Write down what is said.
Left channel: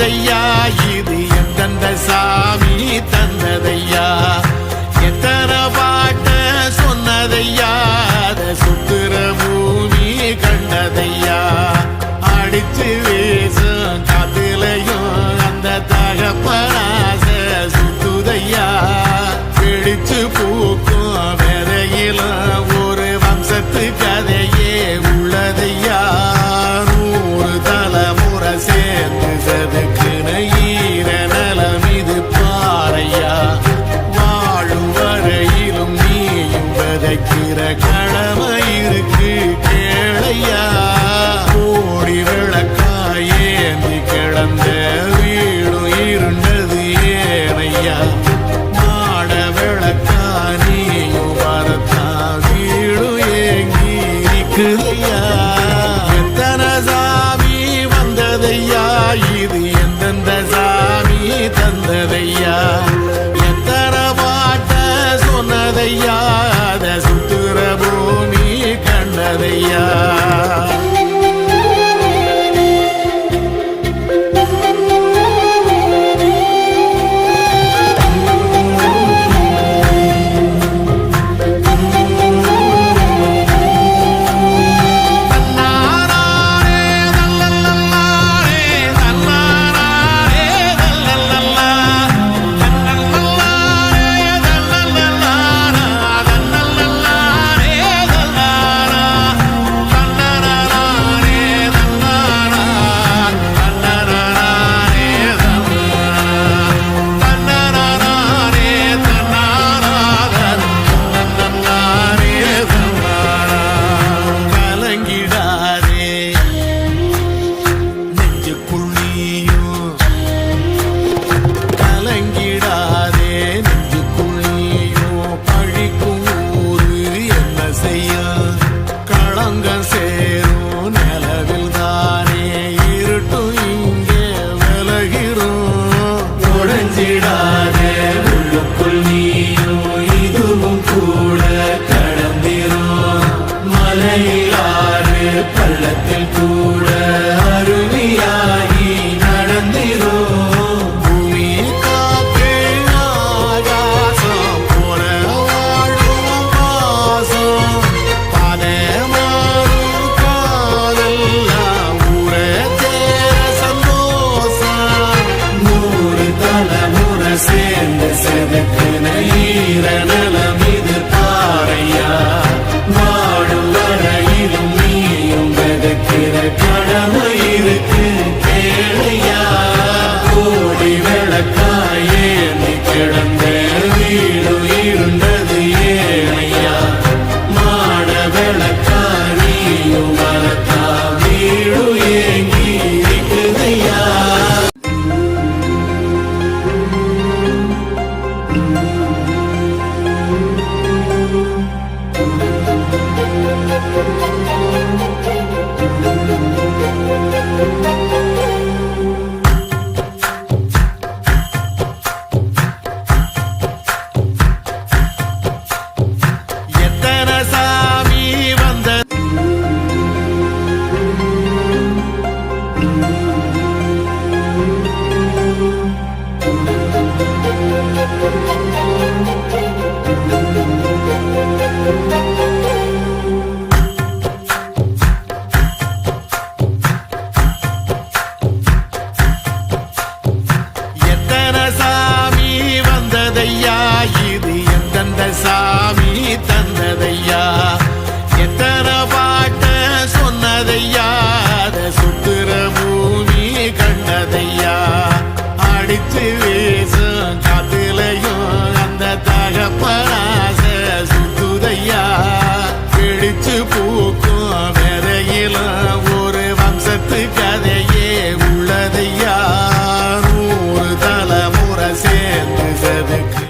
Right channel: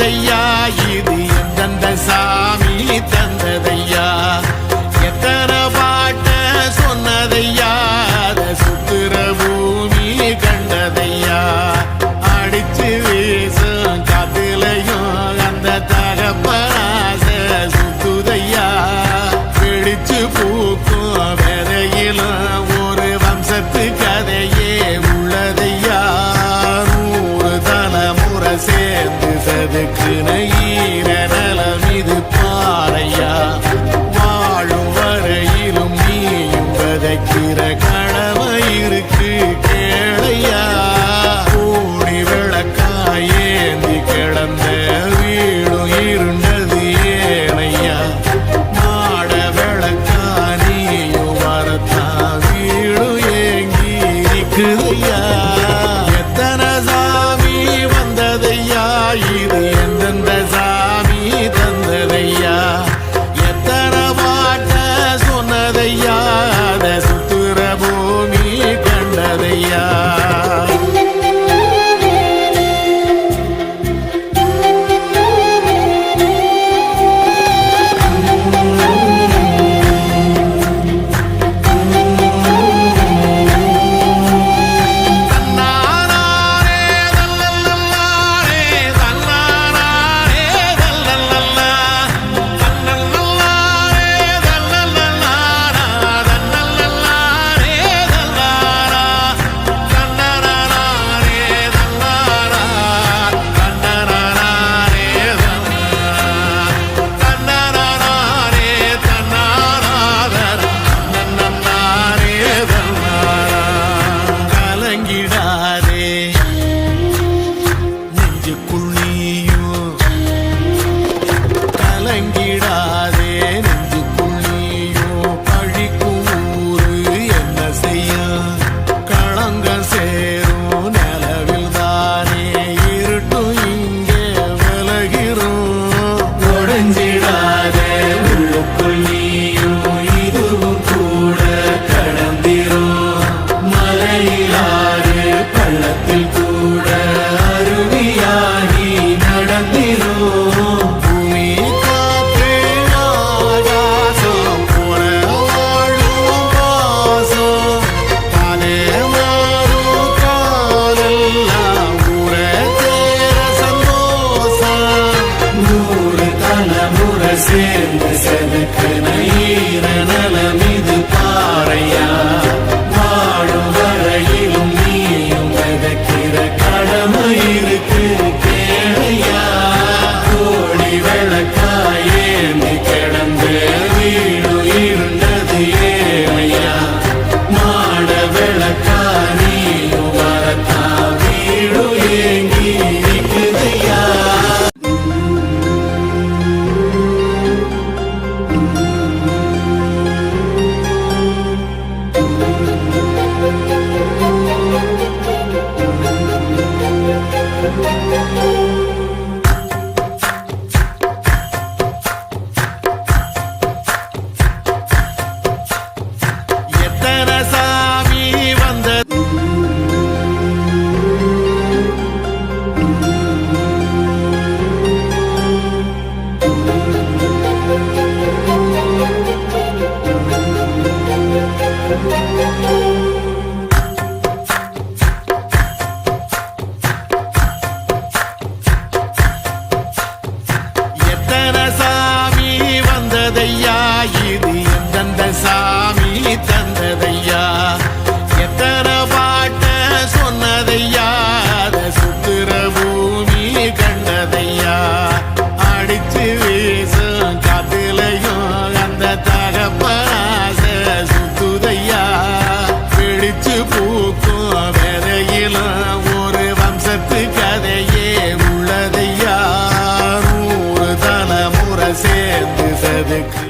வந்ததையா இது எந்தெந்த சாமி தந்ததையா எத்தனை பாட்ட சொன்னதையா அத சுத்துற பூமி கண்டதையா அடிச்சு வீசும் காத்துலையும் அந்த தகப்பனாச சுத்துதையா பிடிச்சு பூக்கும் விதையிலும் ஒரு வம்சத்து கதையே உள்ளதையா 100 தலைமுறை சேர்ந்து செதுக்குன ஈர நலம் இது பாறையா வாழும் வரையிலும் நீயும் விதைக்கிற கடமை இருக்கு கேளையா கோடி விளக்காயேந்தி கிடந்த வீடும் இருண்டது ஏனையா மாட விளக்கா நீயும் வரத்தா வீடும் ஏங்கி நிக்குதையா எத்தனை சாமி வந்ததையா இது எந்தெந்த சாமி தந்ததையா எத்தனை பாட்ட சொன்னதையா அத சுத்துற பூமி கண்டதையா கலங்கிடாதே நெஞ்சுக்குள் நீயும் பழிக்கும் ஊரு என்ன செய்ய களங்கம் சேரும் நிலவில் தானே இருட்டும் இங்கே விலகிறோம் உடைஞ்சிடாதே உள்ளுக்குள் நீயும் இதுவும் கூட கடந்திரும் மலையிலாறு பள்ளத்தில் கூட அருவியாகி நடந்திரும் சேர்ந்து செதுக்குன ஈர நலம் இது பாறையா வாழும் வரையிலும் நீயும் விதைக்கிற கடமை இருக்கு கேளையா கோடி விளக்காயேந்தி கிடந்த வீடு இருண்டது ஏனையா மாட விளக்கா நீயும் வரத்தா வீடு ஏங்கி இருக்குதையா எத்தனை சாமி வந்த எத்தனை சாமி வந்ததையா இது எந்தெந்த சாமி தந்ததையா எத்தனை பாட்ட சொன்னதையா அத சுத்துற பூமி கண்டதையா அடிச்சு வீசும் காத்துலையும் அந்த தகப்பனாச சுத்துதையா பிடிச்சு பூக்கும் விதையிலும் ஒரு வம்சத்து கதையே உள்ளதையா 100 தலைமுறை சேர்ந்து செதுக்கு